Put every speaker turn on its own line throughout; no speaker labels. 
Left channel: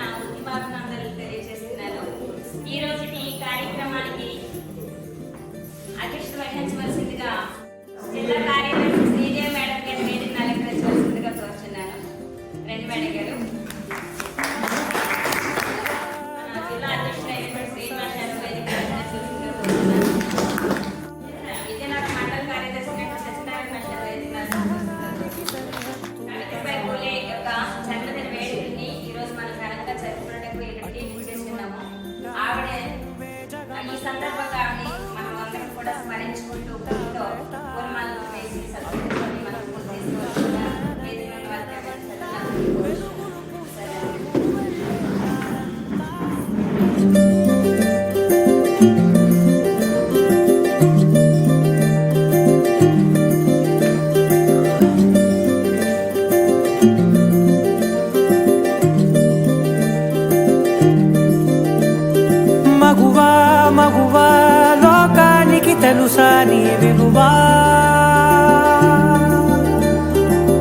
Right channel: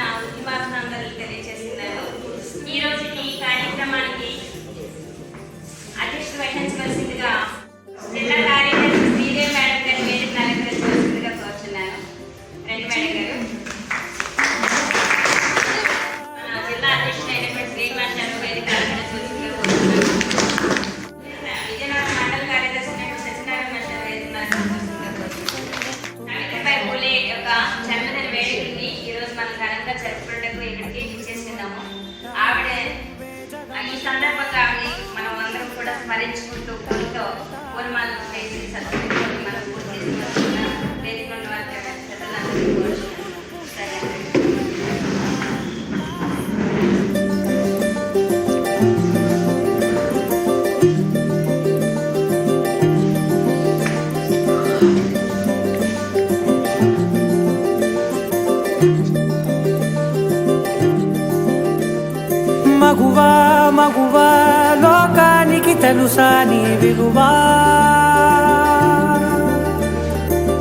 నా ఉద్యమాభినందనలు తెలియజేస్తున్నాను
మగువా మగువా లోకానికి తెలుసా నీ విలువా?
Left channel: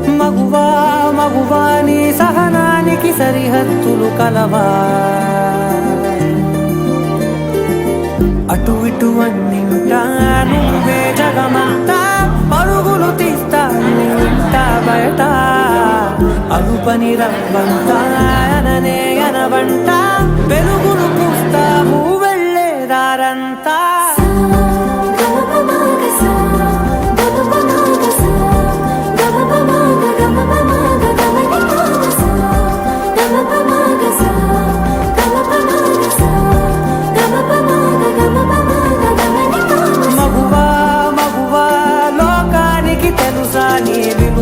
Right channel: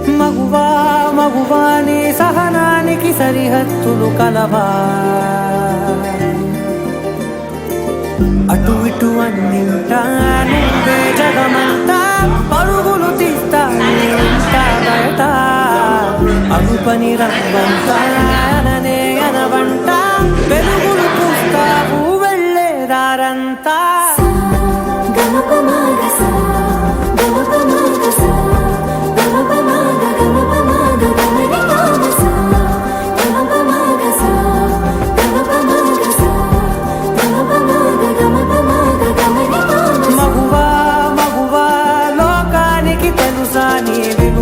మగువా మగువా నీ సహనానికి సరిహద్దులు కలవా? అటు ఇటు అన్నింటా నువ్వే జగమంతా. పరుగులు తీస్తా ఇంట బయట? అలుపని రవ్వంతా అననే అనవంట. వెలుగులు తెలుసా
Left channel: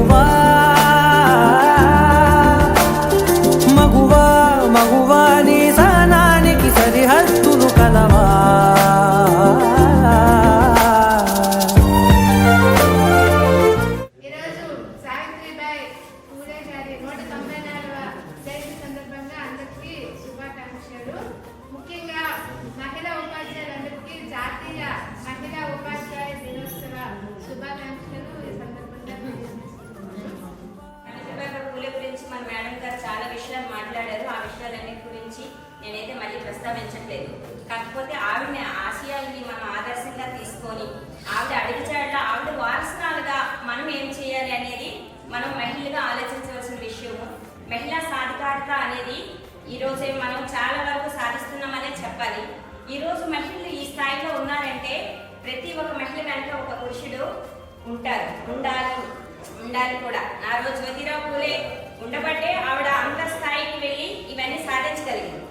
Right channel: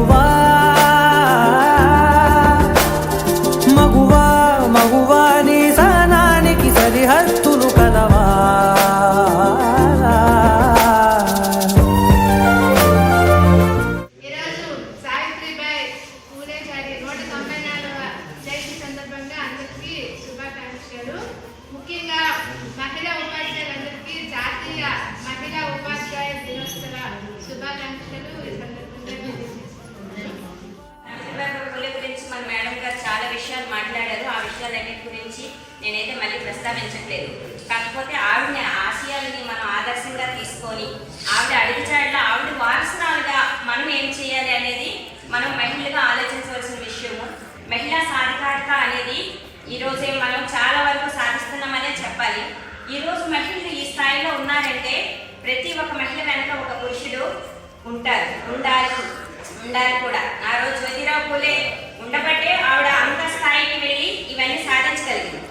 కాకపోతే ఆవిడ ఆశయాలని మనం ఆదర్శంగా తీసుకొని ఆవిడ అడుగుజాడలో ఆవిడ వారసురాలుగా మనం ఏం చేయాలి అనేది మనం మహిళగా ఆలోచించవలసిన విషయము. మహిళా సాధికారత అనేది ఈరోజే మనం చాలా వరకు సాధిస్తున్నామనే చెప్పాలి. ఈరోజు మహిళలు ఈ స్థాయిలో ఉన్నారంటే ప్రతి ఒక్క మహిళ వెనక ఒక పురుషుడు ఉంటారు ఉండాలి ఉండాలి కూడా. ఆ రోజు జ్యోతిరావు పూలే ఉండబట్టే ఆవిడ అంత స్థాయికి వెళ్ళి ఇవన్నీ సాధించగలిగింది.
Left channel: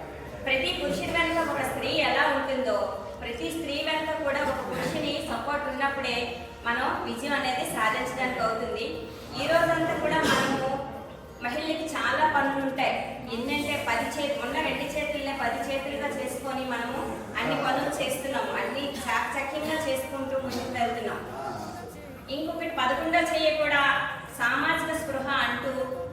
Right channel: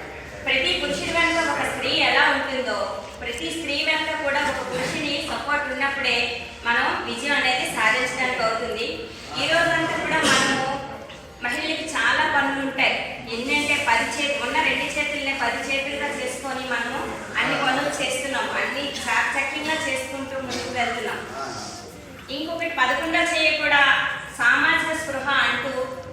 ప్రతి పురుషుడి వెనుక ఒక స్త్రీ ఎలా ఉంటుందో ప్రతి స్త్రీ వెనక కూడా ఒక పురుషుని సపోర్ట్ ఉన్నప్పుడే మనం విజయం అనేది సాధించడానికి అవుతుంది. ఈ రోజంతా కూడా మనము మహిళలకి చాలా పనులు ఉంటాయి. ఎన్నంటే పది చేతులు ఉన్న రెండు చేతులనే పది చేతులుగా చేసుకొని మనము అన్ని పనులు చేస్తున్నాం. అన్ని చాకచక్యంగా చేసుకుంటూ ముందుకు వెళ్తున్నాం. ఇంకొకటి పదకొండో చేయ కూడా సామాజిక స్పృహ అంటూ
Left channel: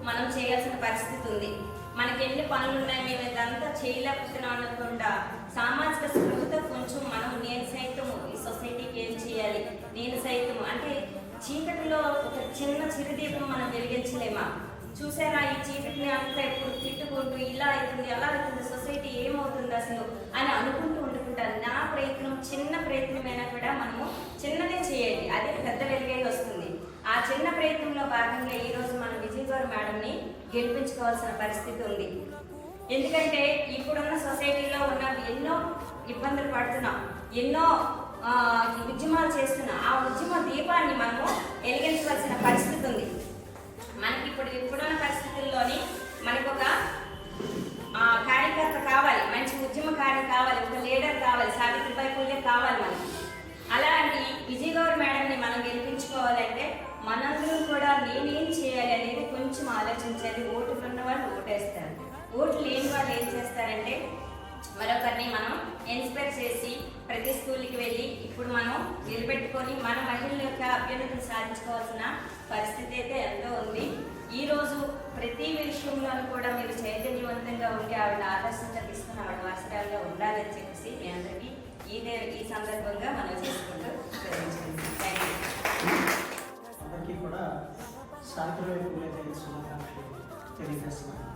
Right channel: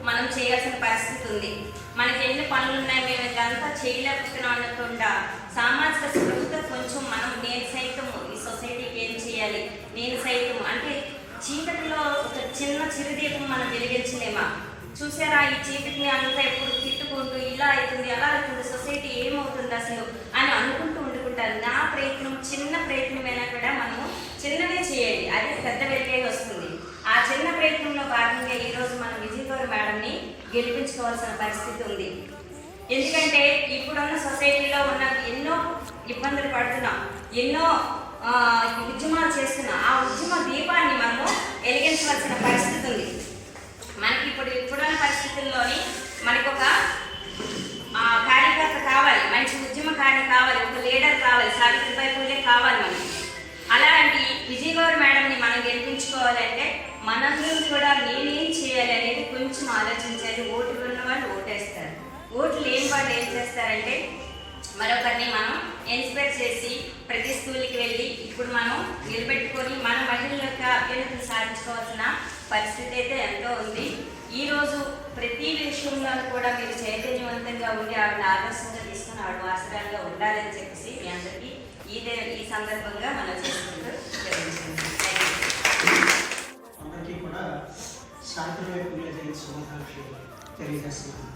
మనం చేయాల్సిన పరిస్థితి ఉంది. మనకి ఎన్ని పనులు ఉన్నాయి మేము ఇదంతా చేయలేకపోతున్నాం అనకుండా సామాజిక స్పృహతో కొంచెం మనం నేను సైతము ఈ సొసైటీకి ఏం చేయాలి? నేను సైతం అంటే చీకటిలో ఒక చిన్న చిరుదీపం మనం వెలిగించలేమా? చూసారా ఈ చీకటిని అంతా ఎప్పుడు తిట్టుకుంటూ ఇలా అవుతుంది అలా అవుతుంది సొసైటీ ఏమవుతుంది అసలు అని అనుకుంటూ ఉండుకుంటారు. నా ప్రయత్నం చిన్న ప్రయత్నమైనా కూడా మనము చిన్నదే చేయాలి. అదే పెద్ద వెలుగై వస్తుంది ఆ చిన్న ప్రయత్నంలో భాగంగా ఈ రోజు మనం విజయ్ గౌర్ మేడంని గెలిపించుకోవాల్సిన పరిస్థితి ఉంది. ఎందుకంటే ఇప్పుడున్న సొసైటీలో ఉన్న ఎన్నో ఇబ్బందులు పడుతున్నాం ఎన్నో ఉద్యమాలు చేస్తున్నాం ఆ ఉద్యమ దీపాన్ని మనము వెలిగించవలసిన పరిస్థితి ఉంది. మనకి ఇప్పుడు ఇప్పుడున్న పరిస్థితుల్లోని మనకు ఒక కార్యకర్త కావాలి మంచి ఉద్యమకారి కావాలి ఒక లీడర్ కావాలి సావిత్రిబాయి పూలే కావాలి మనకి. అలాంటి విజయ్ గౌర్ మేడంని మనం గెలిపించుకోవాలంటే మనందరం కూడా నేనేం చేయాలి అనేది కొంచెం ఆలోచించాలి ఓట్లు ఉన్న వాళ్ళు ఓటేస్తారు. ఓట్లు లేని వాళ్ళు ఏం చేస్తారంటే మరొకరిని మనం ఇన్స్పైర్ చేసి ప్రతి స్కూల్కి వెళ్ళి ఇప్పుడు మనం నిలబెట్టుకొని మన మహిళల యొక్క అభ్యున్నతిని సాధించుకోవాల్సిన పరిస్థితి అయితే ఎంతో ఉంది. ఈరోజు ప్రతి విషయంలో కూడా మీరు చైతన్యవంతంగా ఉండి ఆవిడ ఆదర్శంగా తీసుకుని ఆవిడ ఆసరాలుగా ఉండాలని చెప్పేసి మీ అందరికీ ఈ దే- ఈ సందర్భంగా మనం చేసుకుంటూ
అందరికీ కూడా సావిత్రిబాయి పూలే జయంతి శుభాకాంక్షలు తెలియజేస్తున్నాను.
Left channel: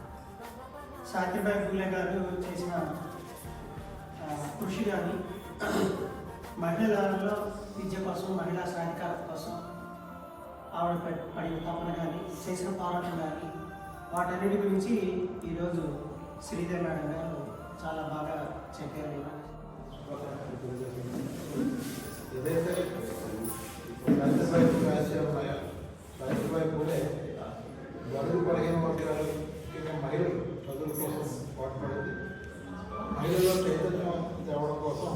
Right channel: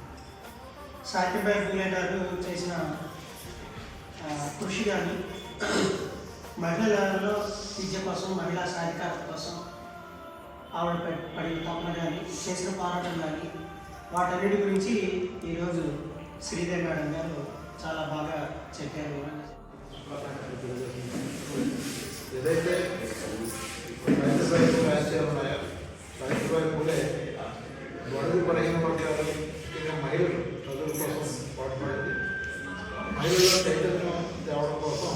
సావిత్రిబాయి పూలే గారు చేసిన కృషి కానీ మహిళలలో విద్య కోసం మహిళా సాధికారత కోసం ఆవిడ పడిన తపన కానీ చేసిన పోరాటం కానీ వాటన్నిటి గురించి ఈరోజు శ్రీధర్ మేడం గారు చాలా బాగా చెప్పారు.
ఏదైతే రైతుబాయి రాజ్యాలు పూలే బడుగు పడిన వర్గాలు ఇక మహిళలు చదువుల కోసం పాటుపడింది మహిళల్లో చైతన్యం తేవడం కోసం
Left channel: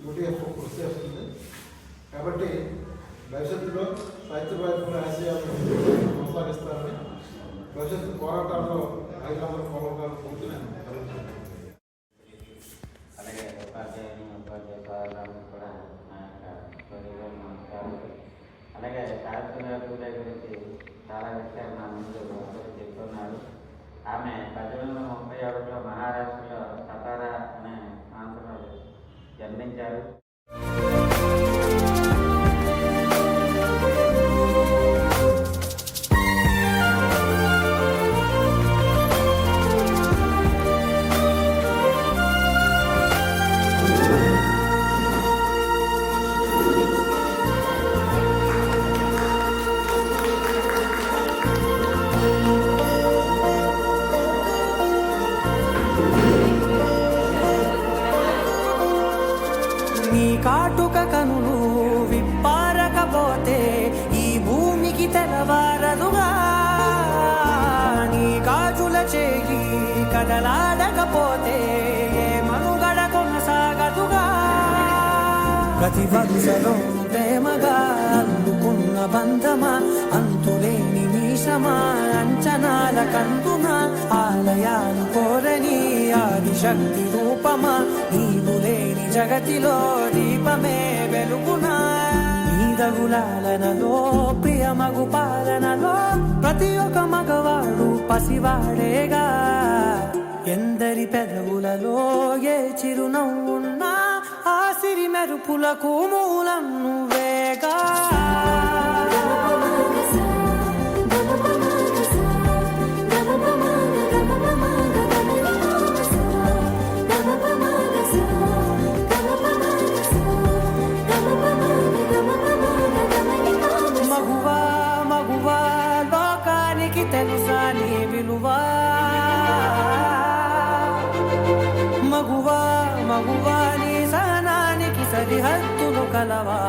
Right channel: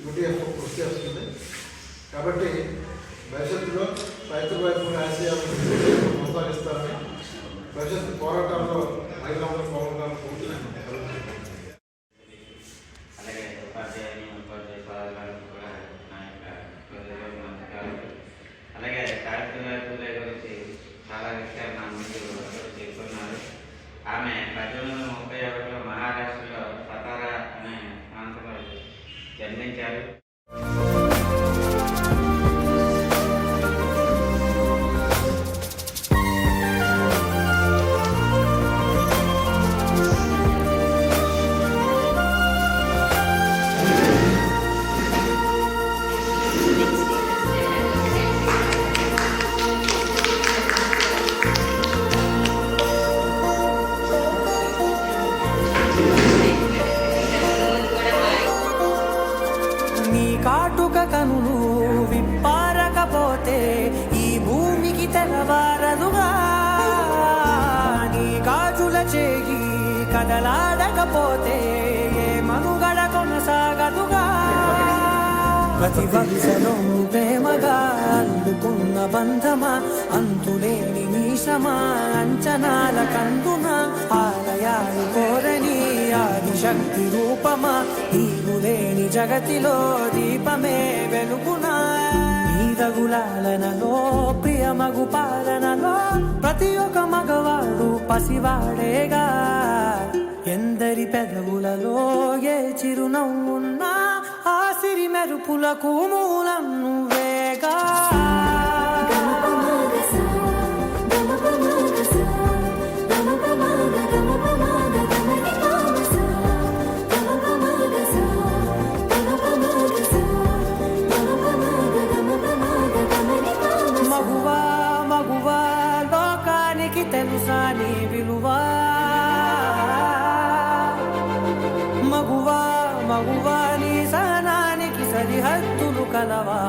యూటీఎఫ్ కృషి చేస్తుంది కాబట్టి భవిష్యత్తులో రైతుబాయి పూలే ఆశయాలను కొనసాగిస్తారని భవిష్యత్తు పోరాటాల్లో మహిళలందరూ పాల్గొనాలని కోరుతూ
కాటుక కనులు విప్పారకపోతే ఈ భూమికి తెలవారదుగా నీ గాజుల చేయి కదలాడకపోతే ఏ మనుగడ కొనసాగదుగా. ప్రతి వరుసలో ప్రేమగా అందుకున్న బంధమా అంతులేని మీసమా అంచనాల కందున ఆలయాలు కోరని ఆదిశక్తి రూపమా నీవు లేని జగతిలో దీపమే వెలుగునా. నీదగులాలనలో ప్రియమగు పాలనలో ప్రతి ఒక్క మగవాడు పసివాడేగా. ఎందరి పెదవులలో ఏ చిరునవ్వున్నా ఆ సిరి మెరుపులకు మూలం నువ్వేగా తెలుసా నీ విలువా? మగువా మగువా నీ సహనానికి సరిహద్దులు కలవా?